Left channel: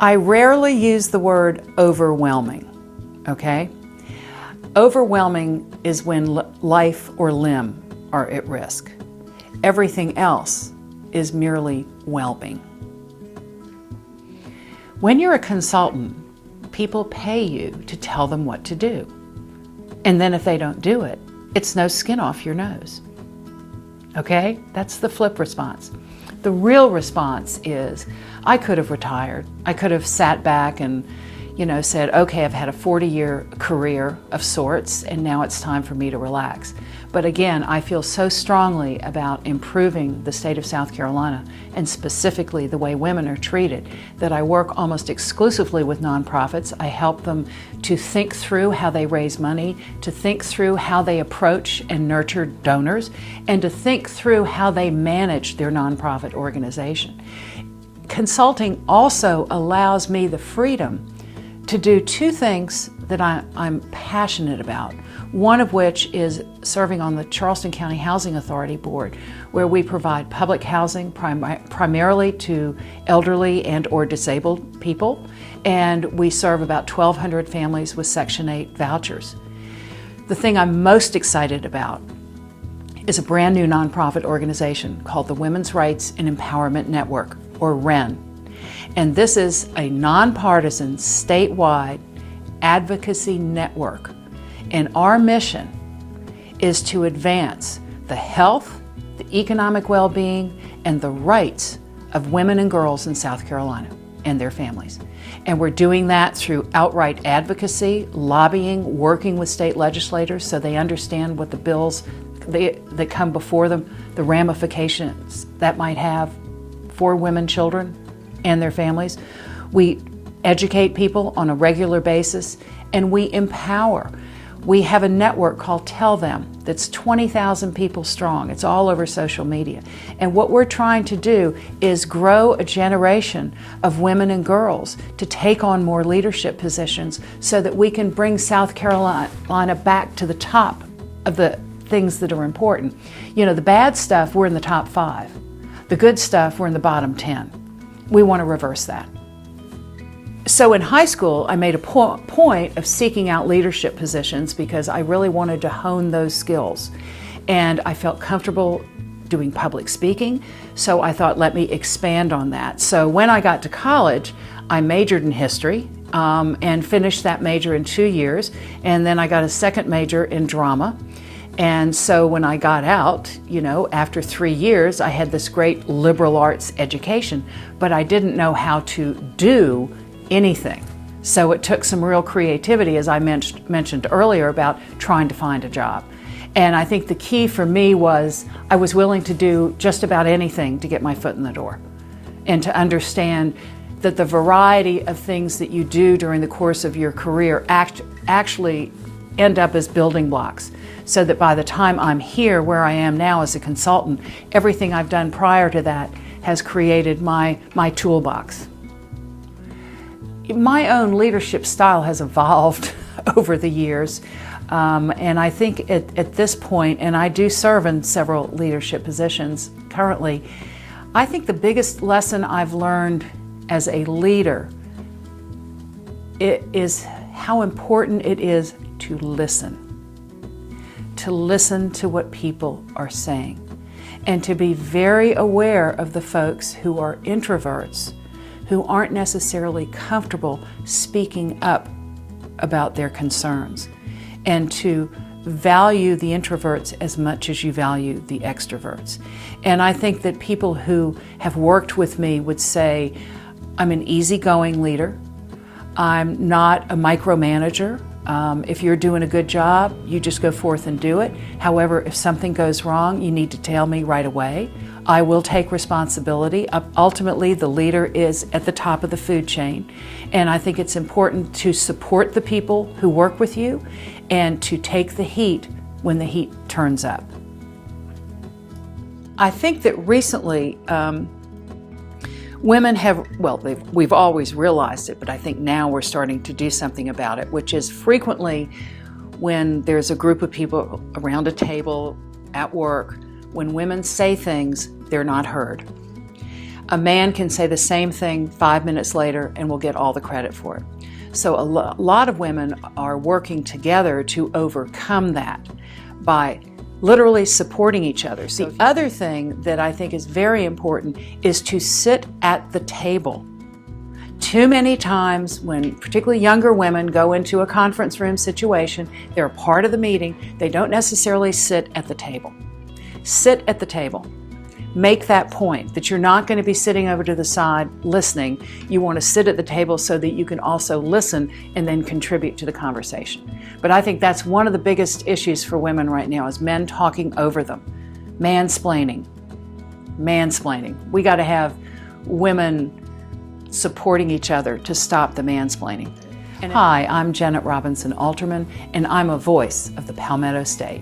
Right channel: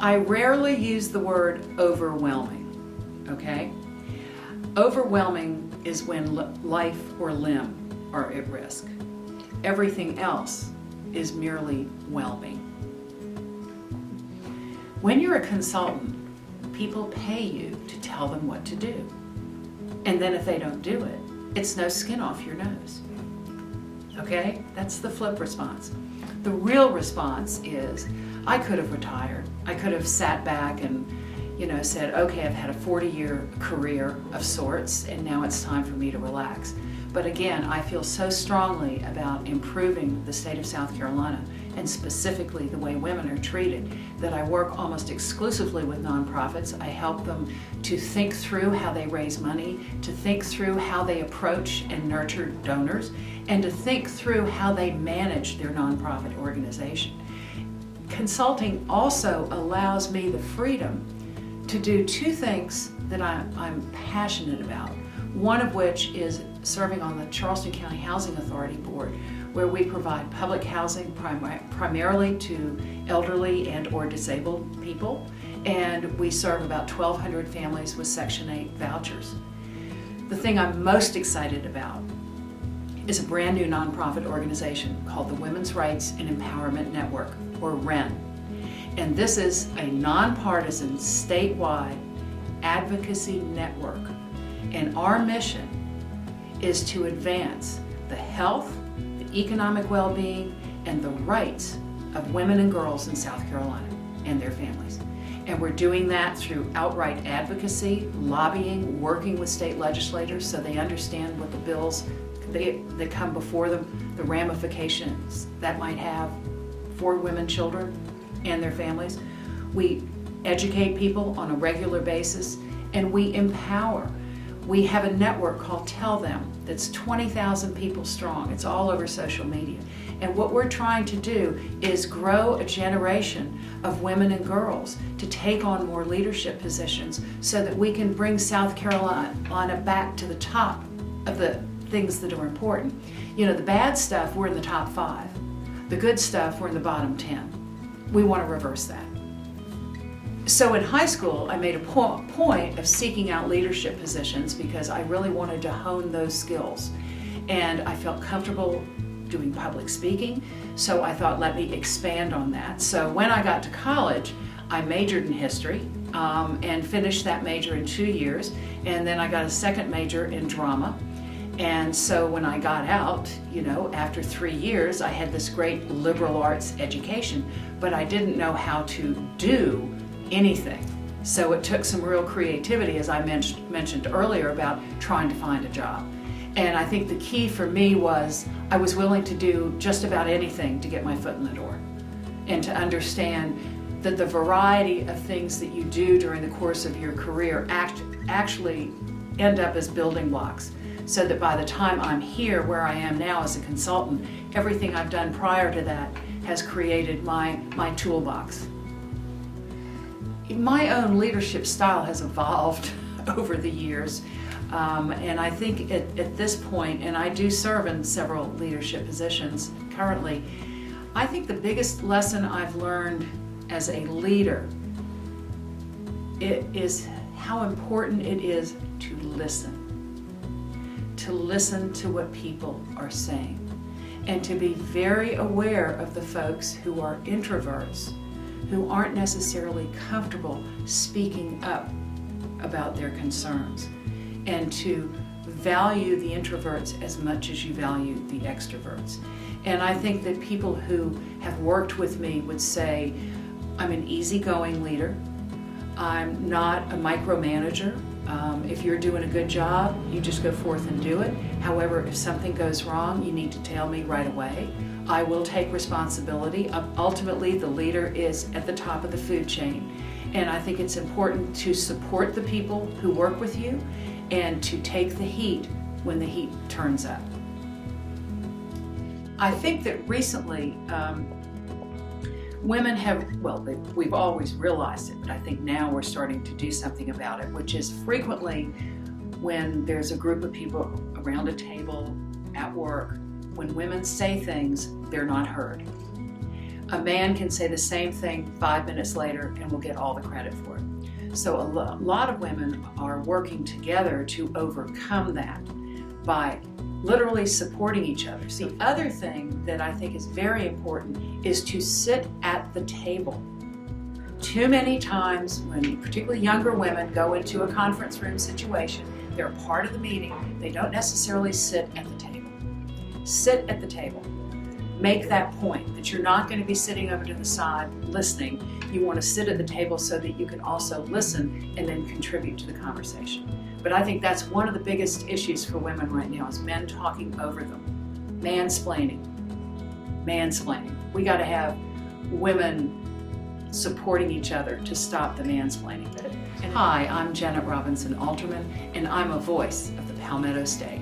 I rarely use the word overwhelming, okay? Overwhelming is when life or limb are at risk. Everything else is merely whelming. When you're a consultant, people pay you to tell them what to do. And then if they don't do it, it's no skin off your nose. Okay? That's the flip response. The real response is, I could have retired. I could have sat back and, said, okay, I've had a 40-year career of sorts, and now it's time for me to relax. But again, I feel so strongly about improving the state of South Carolina, and specifically the way women are treated, that I work almost exclusively with nonprofits. I help them to think through how they raise money, to think through how they approach and nurture donors, and to think through how they manage their nonprofit organization. Consulting also allows me the freedom to do two things that I'm passionate about. One of which is serving on the Charleston County Housing Authority Board, where we provide public housing primarily to elderly and or disabled people, and we serve about 1,200 families with Section 8 vouchers. The thing I'm most excited about is a brand new nonprofit organization called the Women's Rights and Empowerment Network, or WREN. And this is a nonpartisan, statewide advocacy network. And our mission is to advance the health, the economic well-being, and the rights of women and girls in South Carolina and their families. And we're doing that through outright advocacy, lobbying, working with state legislators so they understand what the bills that come before them, the ramifications that might have for women, children, and their families. We educate people on a regular basis, and we empower. We have a network called Tell Them that's 20,000 people strong. It's all over social media. And what we're trying to do is grow a generation of women and girls to take on more leadership positions so that we can bring South Carolina back to the top of the things that are important. The bad stuff, we're in the top 5. The good stuff, we're in the bottom 10. We want to reverse that. So in high school, I made a point of seeking out leadership positions because I really wanted to hone those skills. And I felt comfortable doing public speaking, so I thought, let me expand on that. So when I got to college, I majored in history and finished that major in 2 years. And then I got a second major in drama. And so when I got out, after 3 years, I had this great liberal arts education, but I didn't know how to do anything. So it took some real creativity, as I mentioned earlier, about trying to find a job. And I think the key for me was I was willing to do just about anything to get my foot in the door and to understand that the variety of things that you do during the course of your career actually end up as building blocks, so that by the time I'm here where I am now as a consultant, everything I've done prior to that has created my toolbox. My own leadership style has evolved over the years, and I think at this point, and I do serve in several leadership positions currently, I think the biggest lesson I've learned as a leader is how important it is to listen to what people are saying, and to be very aware of the folks who are introverts, who aren't necessarily comfortable speaking up about their concerns, and to value the introverts as much as you value the extroverts. And I think that people who have worked with me would say, I'm an easygoing leader. I'm not a micromanager. If you're doing a good job, you just go forth and do it. However, if something goes wrong, you need to tell me right away. I will take responsibility. Ultimately, the leader is at the top of the food chain. And I think it's important to support the people who work with you and to take the heat when the heat turns up. I think that recently, women have, we've always realized it, but I think now we're starting to do something about it, which is frequently when there's a group of people around a table at work, when women say things, they're not heard. A man can say the same thing 5 minutes later and will get all the credit for it. So a lot of women are working together to overcome that by literally supporting each other. The other thing that I think is very important is to sit at the table. Too many times when particularly younger women go into a conference room situation, they're a part of the meeting, they don't necessarily sit at the table. Sit at the table. Make that point that you're not going to be sitting over to the side listening. You want to sit at the table so that you can also listen and then contribute to the conversation. But I think that's one of the biggest issues for women right now is men talking over them. Mansplaining. Mansplaining. We got to have women supporting each other to stop the mansplaining. Hi, I'm Jennet Robinson Alterman, and I'm a voice of the Palmetto State.